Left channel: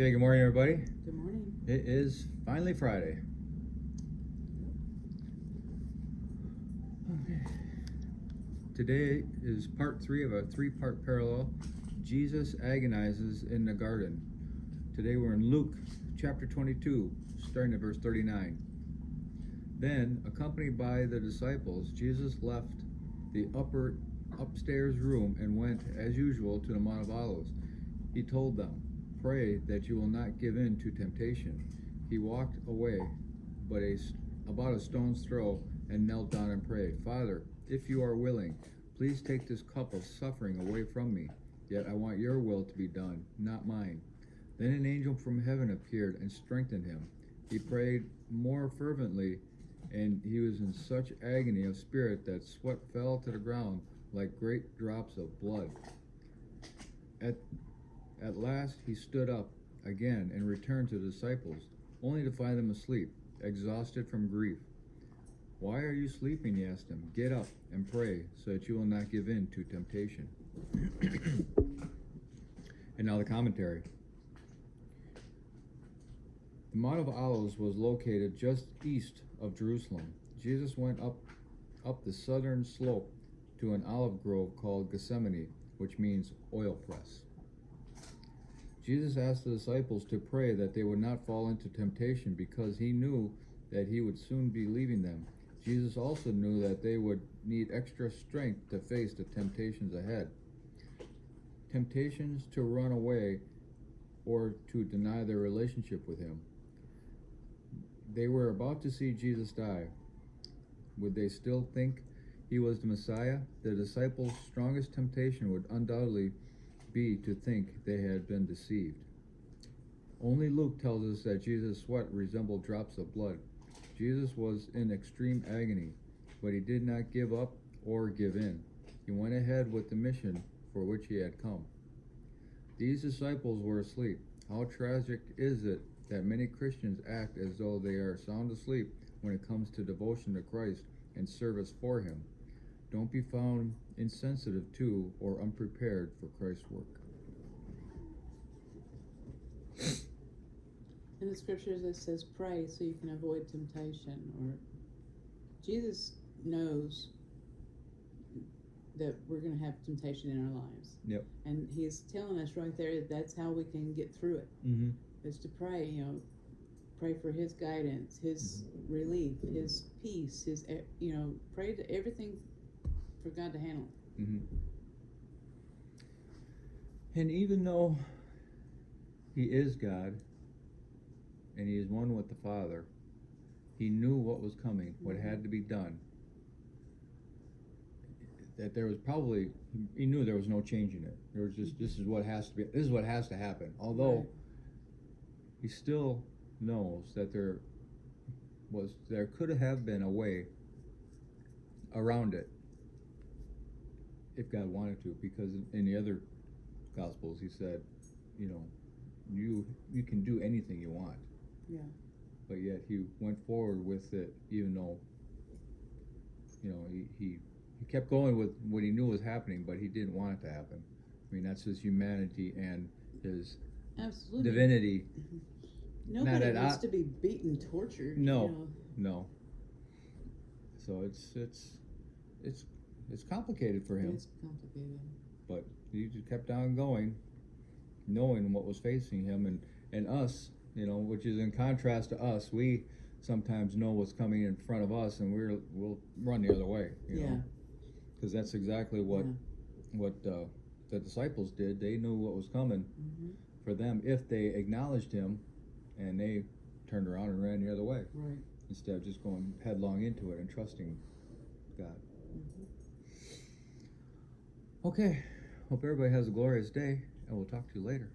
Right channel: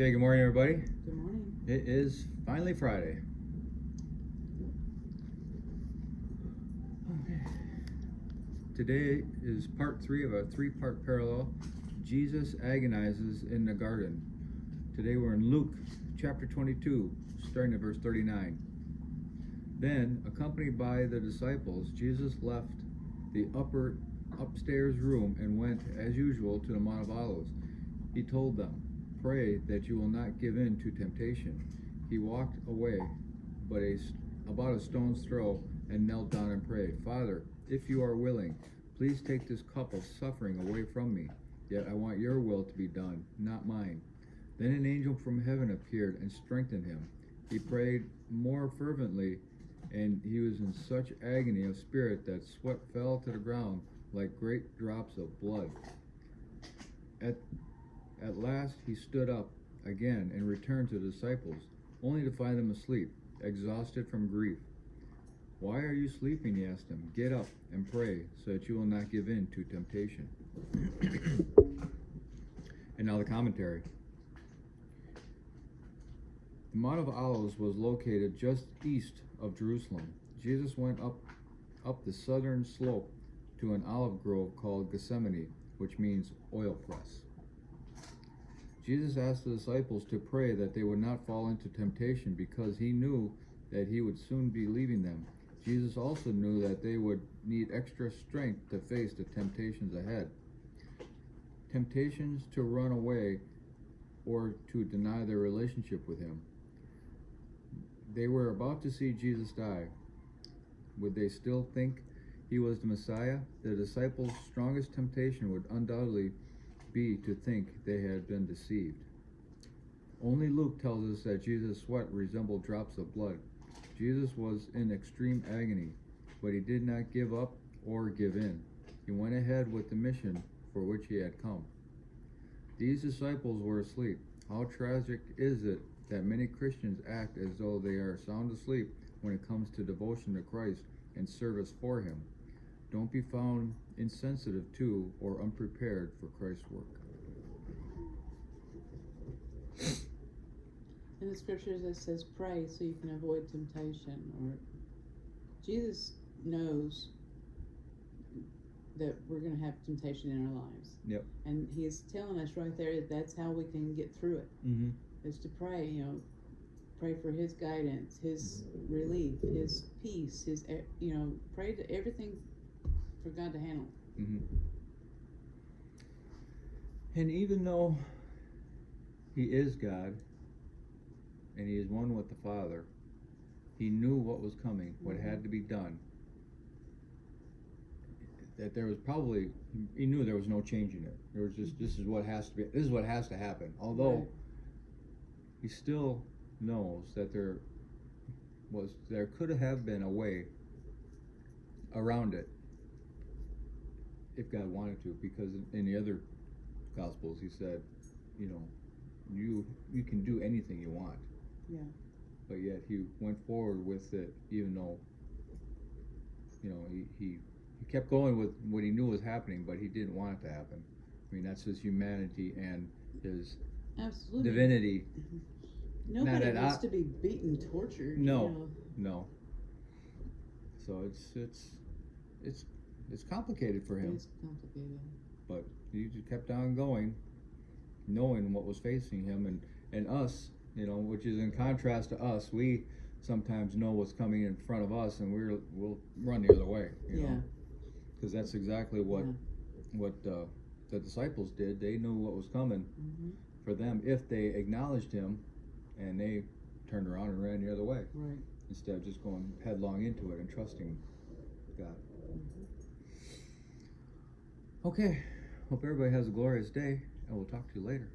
Okay, good morning, everybody. Good morning. It is finally Friday. Okay. Today is part 3 of a 3-part parallel. Jesus agonizes in the garden. Today we're in Luke chapter 22, starting at verse 39. Then, accompanied by the disciples, Jesus left the upstairs room and went, as usual, to the Mount of Olives. He told them, "Pray that you will not give in to temptation." He walked away about a stone's throw and knelt down and prayed, "Father, if you are willing, please take this cup of suffering away from me. Yet I want your will to be done, not mine." Then an angel from heaven appeared and strengthened him. He prayed more fervently, and he was in such agony of spirit that sweat fell to the ground like great drops of blood. At last he stood up again and returned to the disciples, only to find them asleep, exhausted from grief. "Why are you sleeping?" he asked them. "Get up and pray, so that you will not give in to temptation." And now the commentary. The Mount of Olives was located just east of Jerusalem. Jesus went up the southern slope to an olive grove called Gethsemane, which means oil press. Jesus asked the disciples to pray that they would not fall into temptation because he knew that he would soon be leaving them. Jesus also knew that they would need extra strength to face the temptations ahead. Temptations to run away or to deny their relationship with him. They were about to see Jesus die. Would they still think he was the Messiah? The disciples' strongest temptation would undoubtedly be to think they had been deceived. Only Luke tells us that Jesus' sweat resembled drops of blood. Jesus was in extreme agony, but he did not give up or give in. He went ahead with the mission for which he had come. These disciples were asleep. How tragic is it that many Christians act as though they are sound asleep when it comes to devotion to Christ and service for him. Don't be found insensitive to or unprepared for Christ's work. In the scriptures it says pray so you can avoid temptation. Or Jesus knows that we're going to have temptation in our lives. Yep. And he's telling us right there that that's how we can get through it. Mm-hmm. Is to pray, pray for his guidance, his relief, his peace, his, pray to everything for God to handle. Mm-hmm. And even though he is God and he is one with the Father, he knew what was coming, what had to be done. That there was probably, he knew there was no changing it. There was just, this is what has to happen. Although he still knows that there could have been a way around it if God wanted to, because in the other Gospels he said, you can do anything you want. Yeah. But yet he went forward with it, even though he kept going with what he knew was happening, but he didn't want it to happen. I mean, that's his humanity and his divinity. Nobody wants to be beaten, tortured. No. So it's complicated for him. It's complicated. But he just kept on going, knowing what was facing him, and us, which is in contrast to us. We sometimes know what's coming in front of us, and we'll run the other way. Because that's exactly what the disciples did. They knew what was coming for them if they acknowledged him, and they turned around and ran the other way, instead of just going headlong into it and trusting God. Okay, hope everybody has a glorious day, and we'll talk to you later.